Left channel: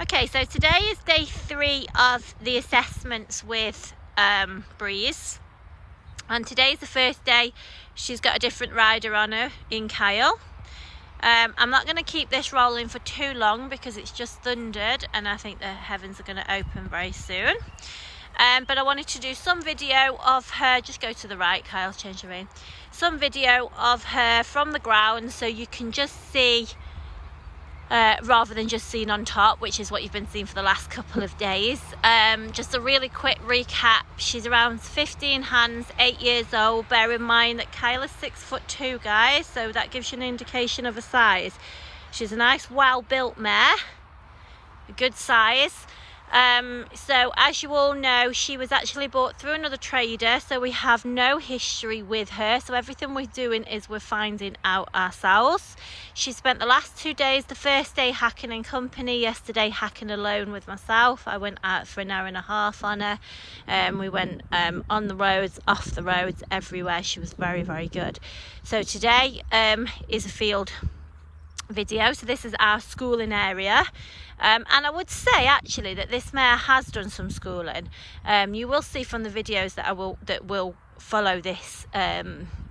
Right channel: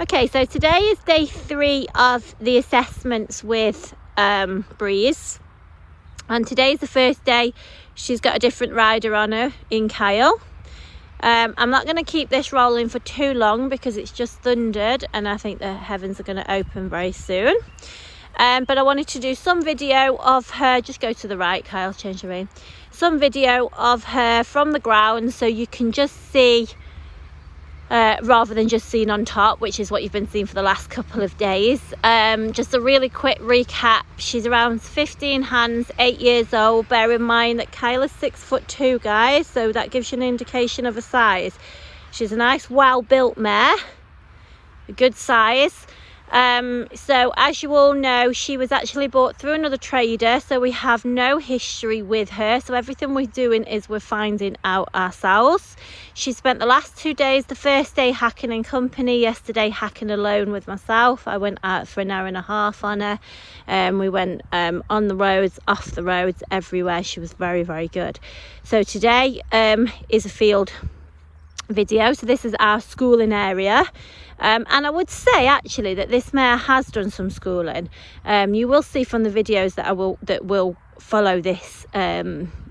Okay, so today is day 3 of the assessments with Breeze, and today's the first day she's got a different rider on her in Kyle. I'm not going to keep this rolling for too long because it's just thundered and I think the heavens are going to open very soon. But I wanted to do some video of her, just go to the right Kyle, change your rein, some video of her from the ground so you can just see rather than just seen on top, which is what you've been seeing for the last couple of days. Just a really quick recap. She's around 15 hands, 8 years old. Bear in mind that Kyla's 6'2", guys, so that gives you an indication of her size. She's a nice, well-built mare, a good size. So as you all know, she was actually bought through another trader, so we have no history with her, so everything we're doing is we're finding out ourselves. She spent the last 2 days, the first day hacking in company, yesterday hacking alone with myself. I went out for an hour and a half on her. We went on the roads, off the roads, everywhere. She was very, very good. So today is a field video. So this is our schooling area. And I would say actually that this mare has done some schooling. You will see from the videos that will follow this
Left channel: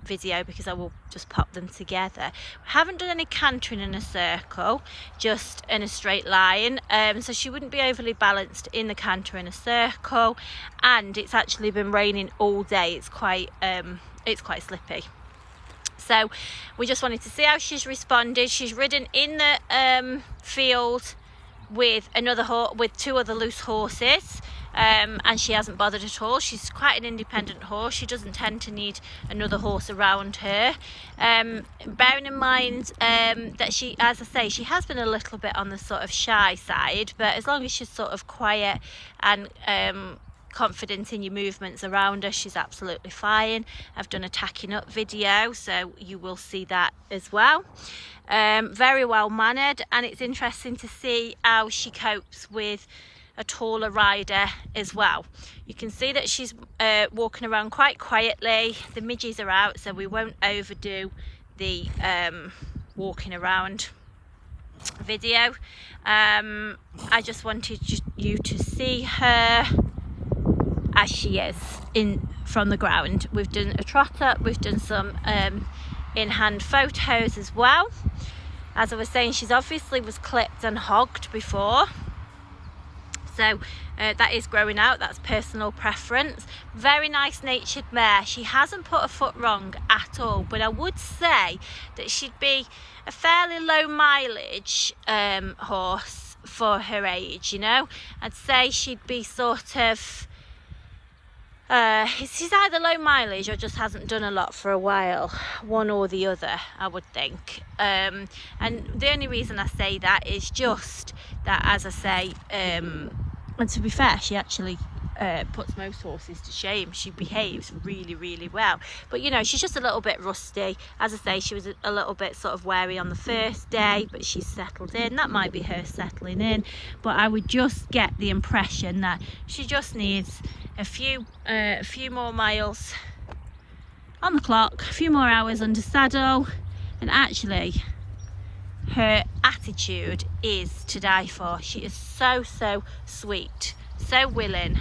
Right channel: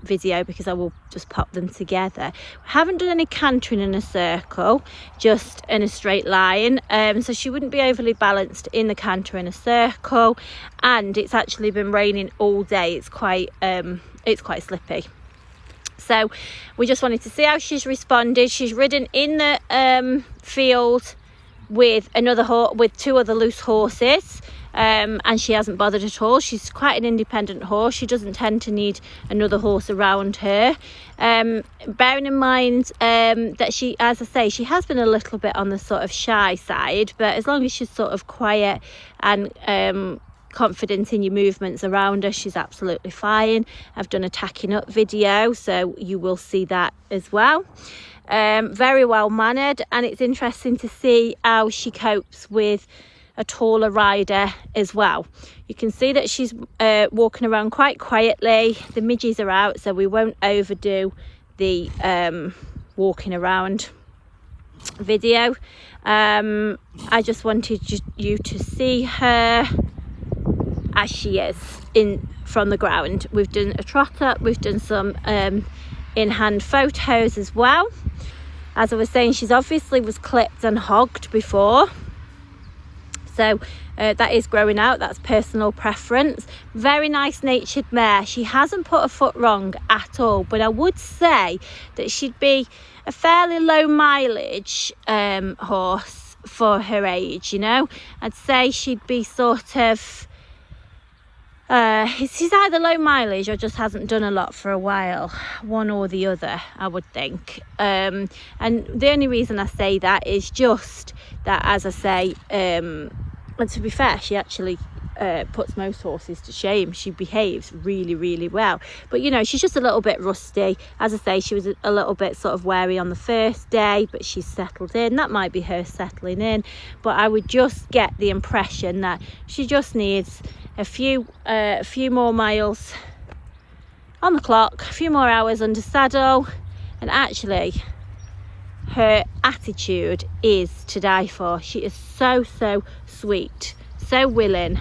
video, because I will just pop them together. We haven't done any cantering in a circle, just in a straight line, so she wouldn't be overly balanced in the canter in a circle, and it's actually been raining all day. It's quite slippy. So we just wanted to see how she's responded. She's ridden in the field with two other loose horses, and she hasn't bothered at all. She's quite an independent horse. She doesn't tend to need another horse around her. Bearing in mind that she, as I say, she has been a little bit on the sort of shy side, but as long as she's sort of quiet and confident in your movements around her, she's absolutely fine. I've done a tacking up video, so you will see that as well. Very well mannered, and it's interesting to see how she copes with a taller rider as well. You can see that she's walking around quite quietly. The midges are out, so we won't overdo the walking around video. I just wanted you to see her as she is from the ground. We've done a trot up, we've done some in-hand photos as well. As I was saying, she's obviously was clipped and hogged before, so that is growing out. That's personal preference. Very nice natured mare. She hasn't put a foot wrong at all, but I would say that she'd be a fairly low mileage horse for her age, you know. I'd say she'd be sort of she's either low mileage or just hasn't done a lot for a while, one or the other, I would think. And the only reason I say that is just that, as I say, and to be fair, she actually puts most horses to shame. She behaves really, really well, but you know, she's just a little bit rusty. As I say, she was a little bit sort of wary on the first day, but she's settled in. That might be her settling in, but I would just get the impression that she just needs a few more miles on the clock, a few more hours under saddle, and actually her attitude is to die for. She is so sweet, so willing,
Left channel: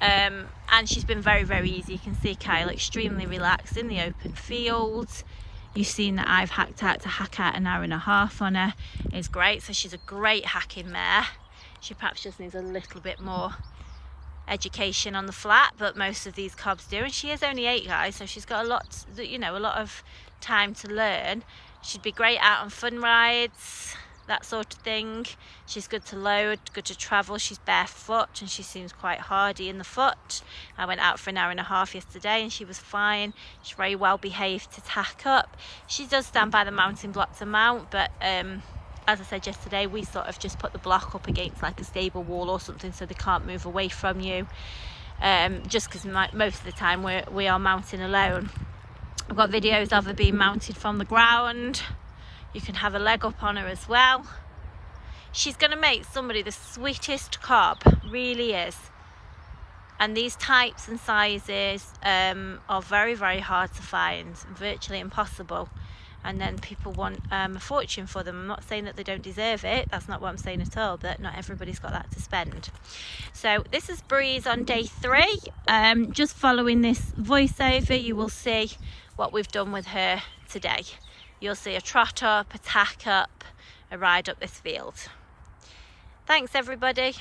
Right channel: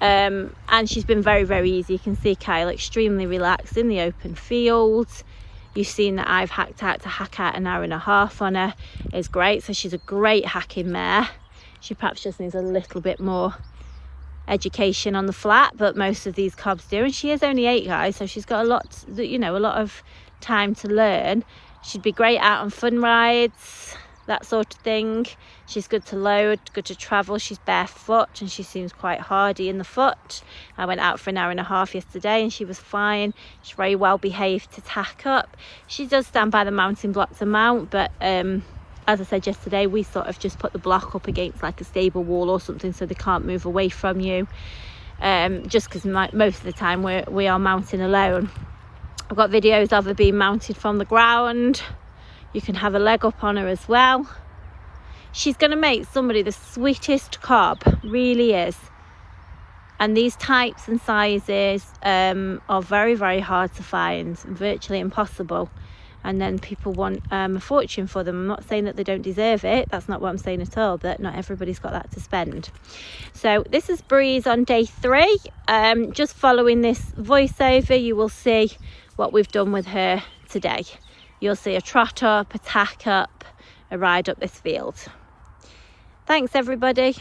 and she's been very, very easy. You can see Kyle extremely relaxed in the open fields. You've seen that I've hacked out an hour and a half on her. It's great. So she's a great hacking mare. She perhaps just needs a little bit more education on the flat, but most of these cobs do, and she is only 8, guys, so she's got a lot of time to learn. She'd be great out on fun rides, that sort of thing. She's good to load, good to travel. She's barefoot and she seems quite hardy in the foot. I went out for an hour and a half yesterday and she was fine. She's very well behaved to tack up. She does stand by the mounting block to mount, but as I said yesterday, we sort of just put the block up against like a stable wall or something so they can't move away from you, just because most of the time we are mounting alone. I've got videos of her being mounted from the ground. You can have a leg up on her as well. She's going to make somebody the sweetest cob, really is. And these types and sizes are very, very hard to find, virtually impossible. and then people want a fortune for them. I'm not saying that they don't deserve it, that's not what I'm saying at all, but not everybody's got that to spend. So this is Breeze on day 3. Just following this voiceover, you will see what we've done with her today. You'll see a trot up, a tack up, a ride up this field. Thanks everybody.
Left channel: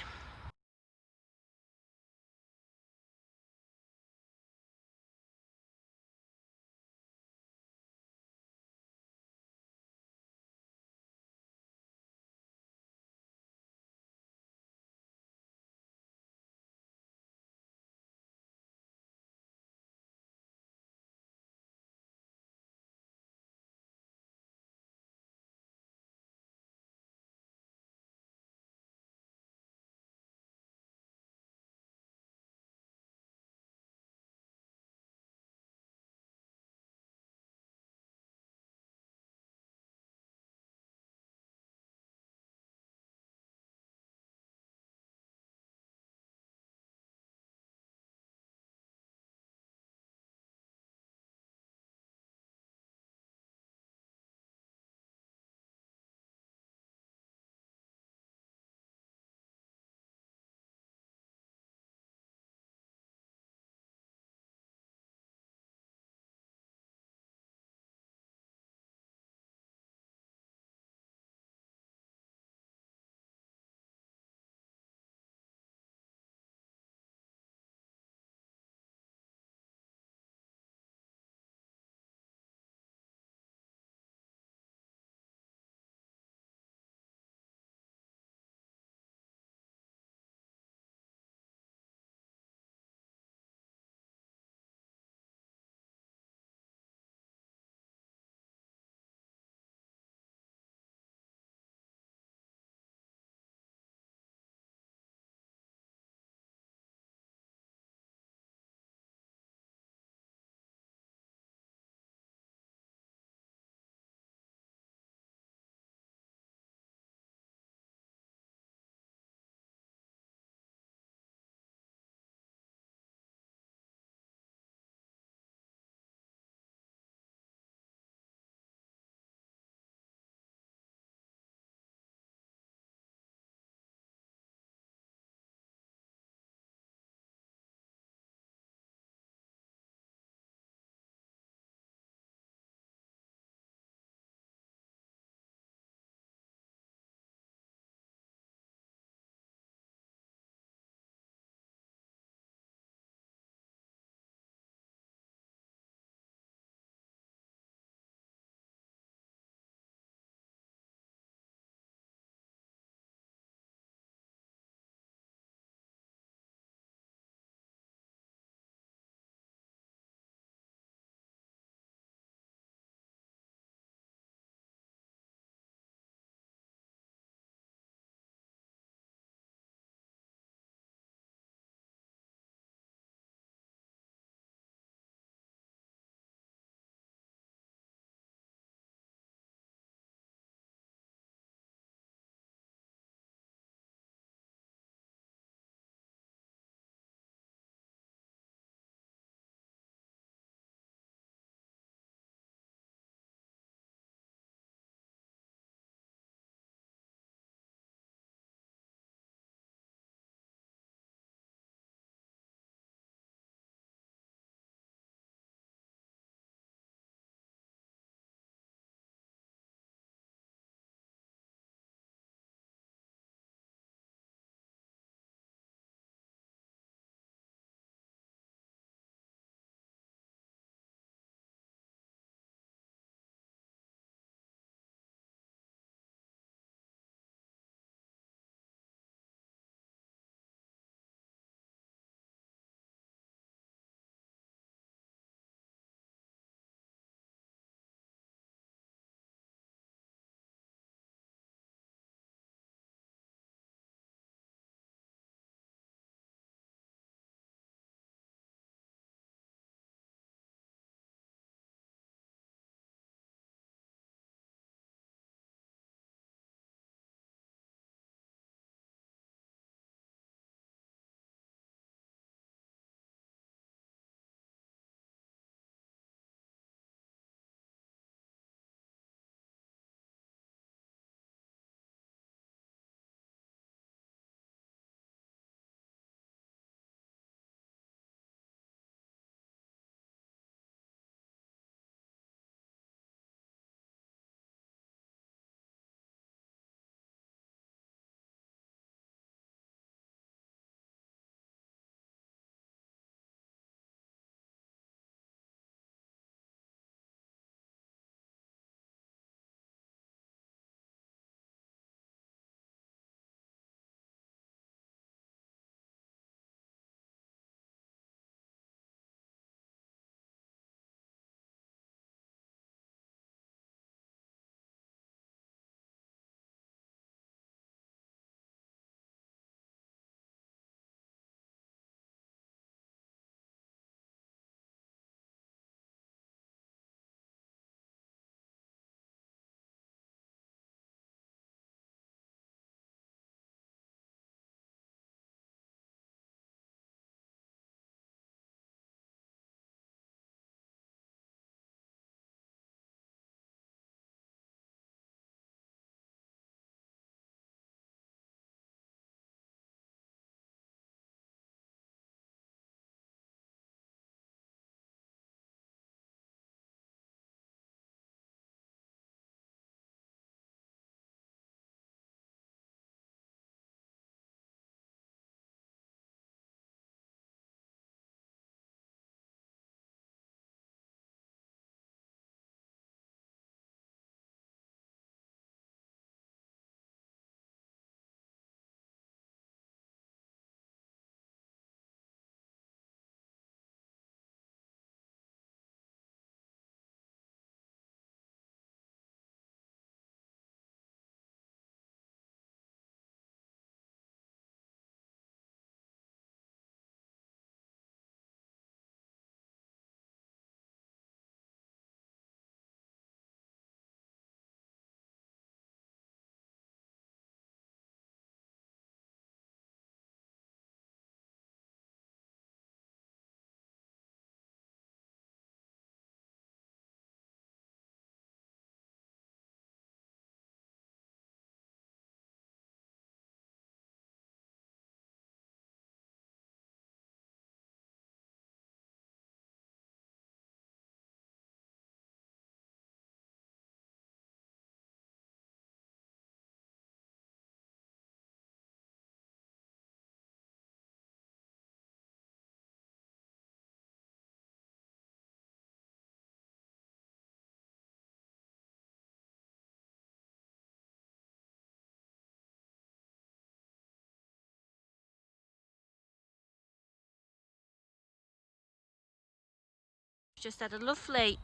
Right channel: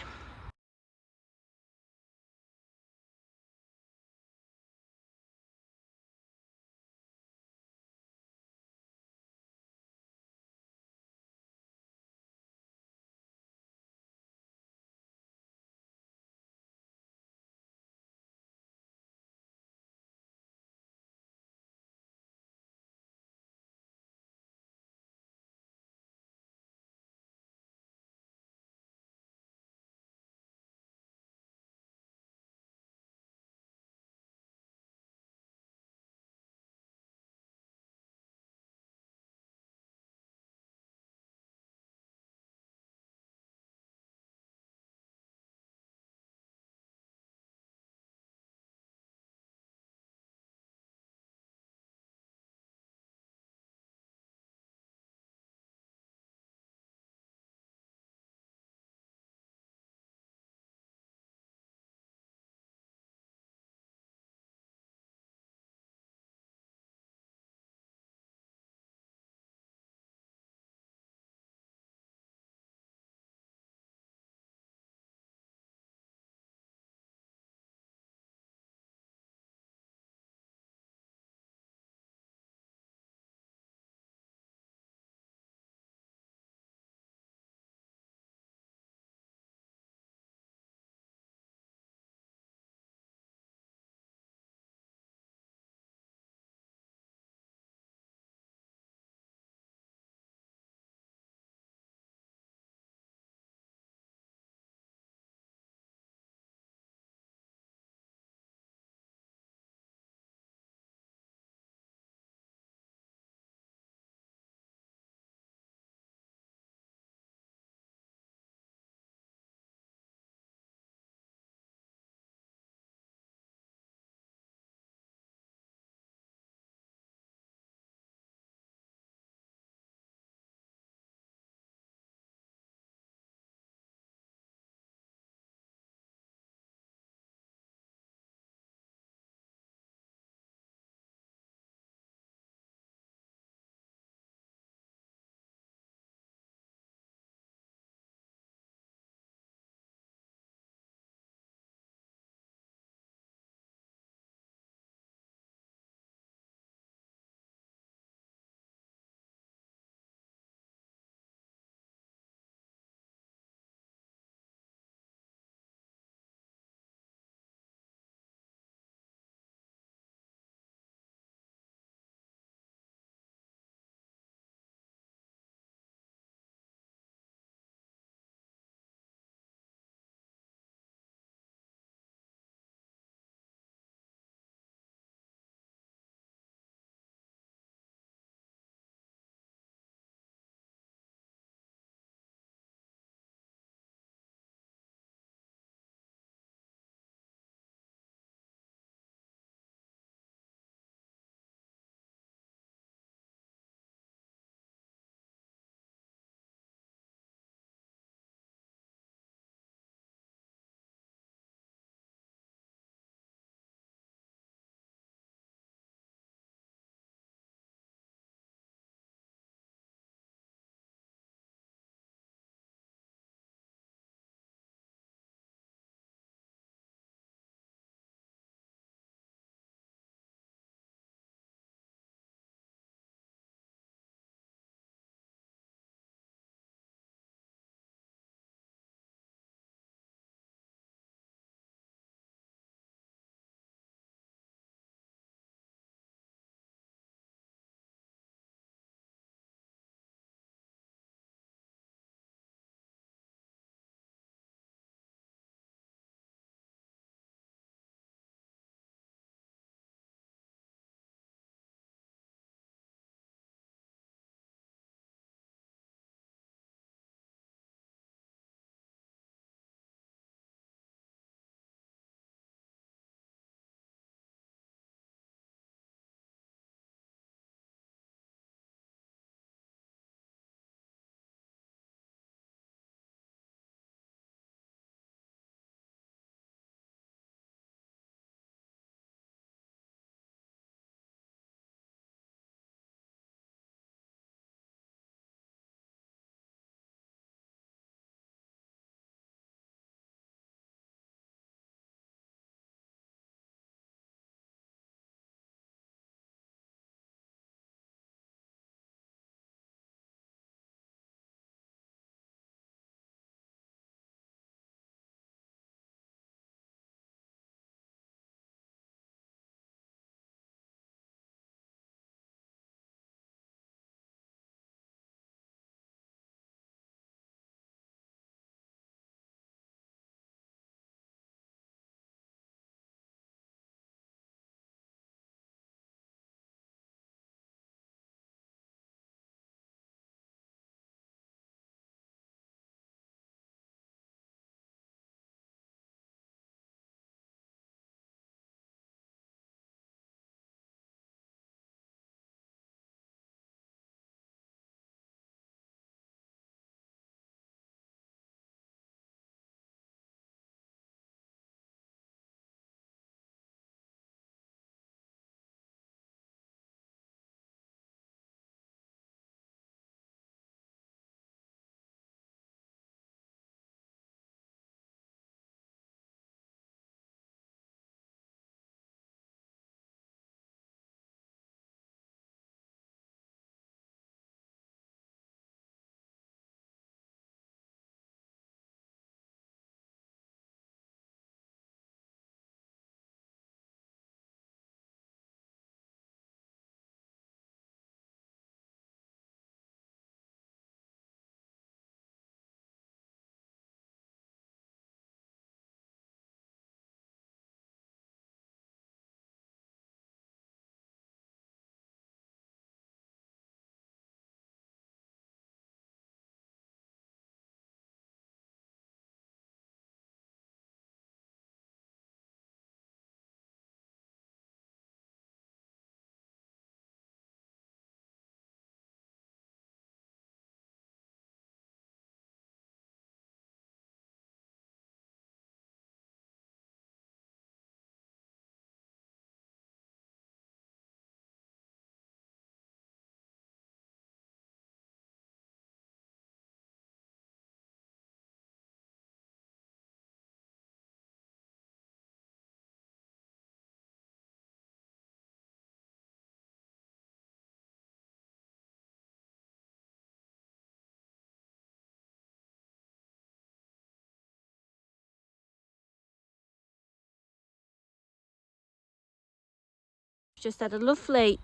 just had a lovely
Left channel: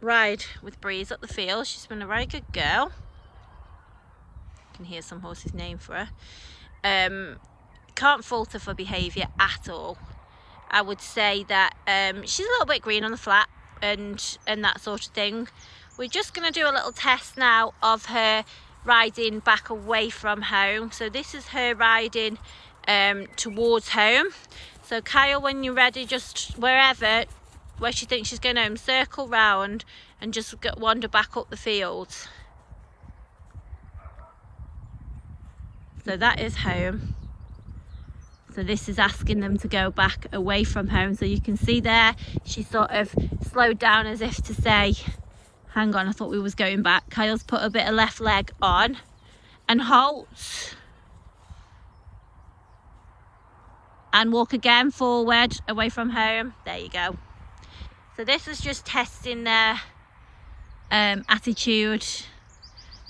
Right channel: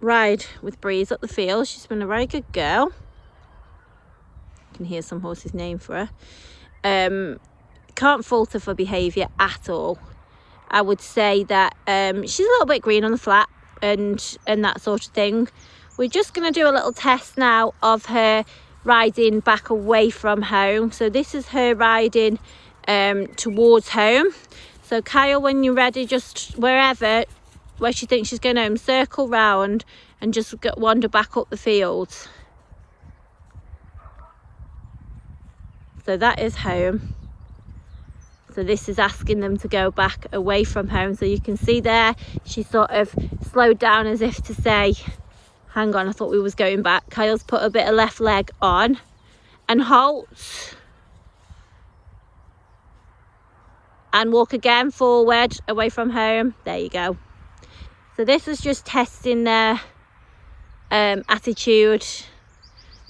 ride with Breeze up the field. She's been a very good girl. You can hear some horses name for her. Can't fault her for behaviour at all. I would say that she's a little bit green on the flat and that sort of thing. We're just going to do a little test now of her riding back away from home. So this is her riding towards home. So Kyle, when you're ready, just where she thinks she's going home, circle round and just wander back up the field. So that is home. So this is asking them to go back away from home. So you can see there, she sort of slowed down as if to say, hang on, I thought we was going back. Kyle's put a bit of left leg on and halts. And walk again forward, away from home. There you go. So this was just testing their attitude.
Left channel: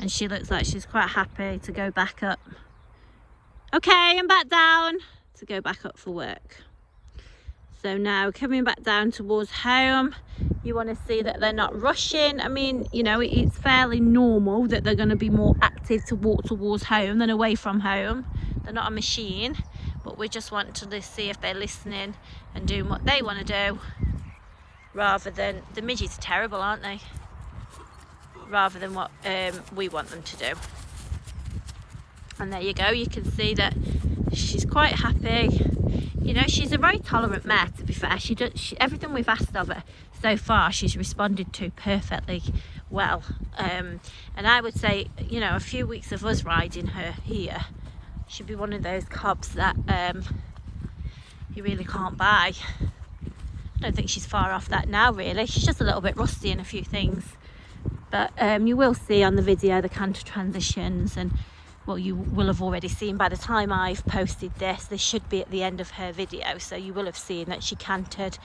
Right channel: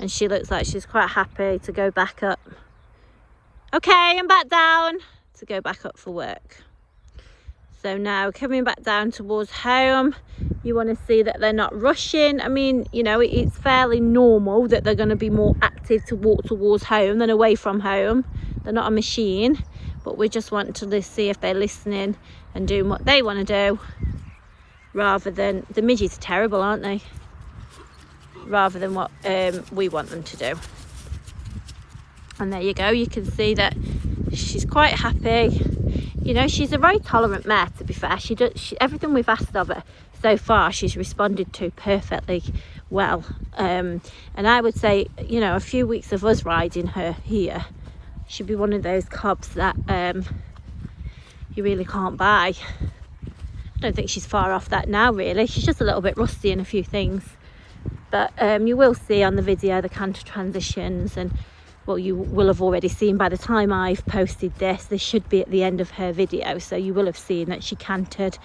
And she looks like she's quite happy to go back up. Okay, and back down to go back up for work. So now coming back down towards home, you want to see that they're not rushing. I mean, you know, it's fairly normal that they're going to be more active to walk towards home than away from home. They're not a machine, but we just want to see if they're listening and doing what they want to do, rather than, the midges are terrible, aren't they? Rather than what we want them to do. And there you go, you can see that she's quite happy. You know, she's a very tolerant mare, to be fair. Everything we've asked of her so far, she's responded to perfectly well. And I would say, you know, a few weeks of us riding her here, she'd be one of those cobs that you really can't buy. I don't think she's far off that now, really. She's just a little bit rusty in a few things. But you will see on the video the canter transitions, and well, you will have already seen by the time I've posted this should be at the end of her video, so you will have seen that she cantered.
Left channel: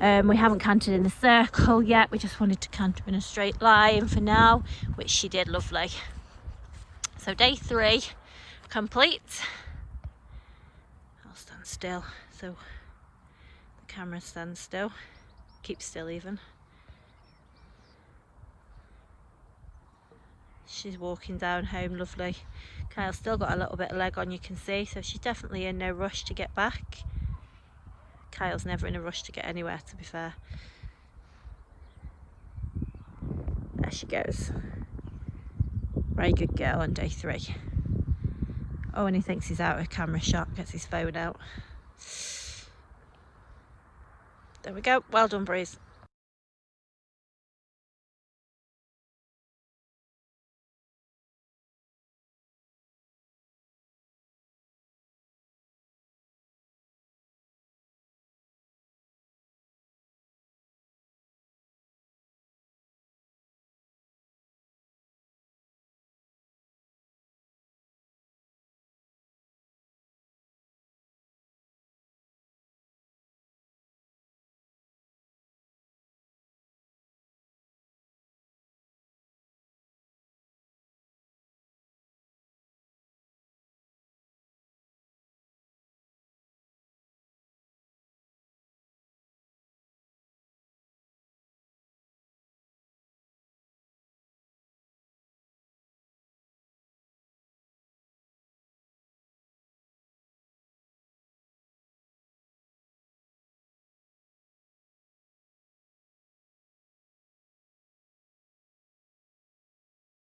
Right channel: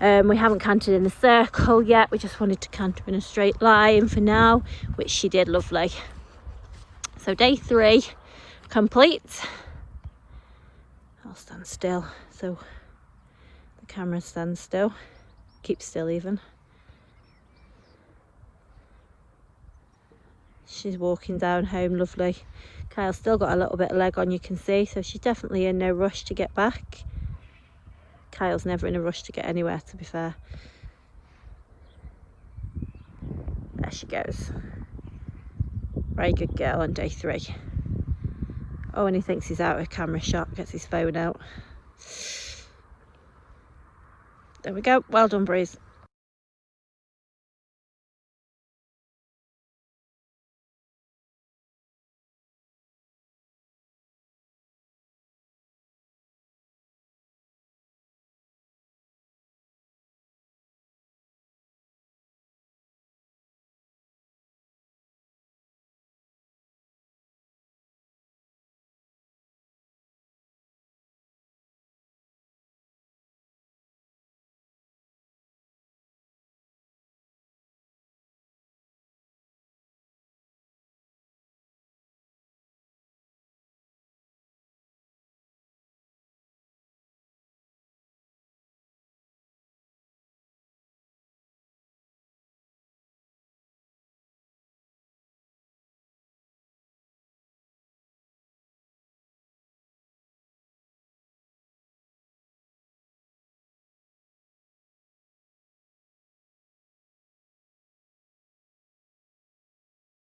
We haven't cantered in the circle yet, we just wanted to canter in a straight line for now, which she did lovely. So day 3 complete. I'll stand still so the camera stands still, keep still even. She's walking down home, lovely. Kyle's still got a little bit of leg on, you can see, so she's definitely in no rush to get back. Kyle's never in a rush to get anywhere, to be fair. There she goes. Very good girl on day 3. Oh, and he thinks he's out of camera shot, gets his phone out. There we go, well done, Breeze.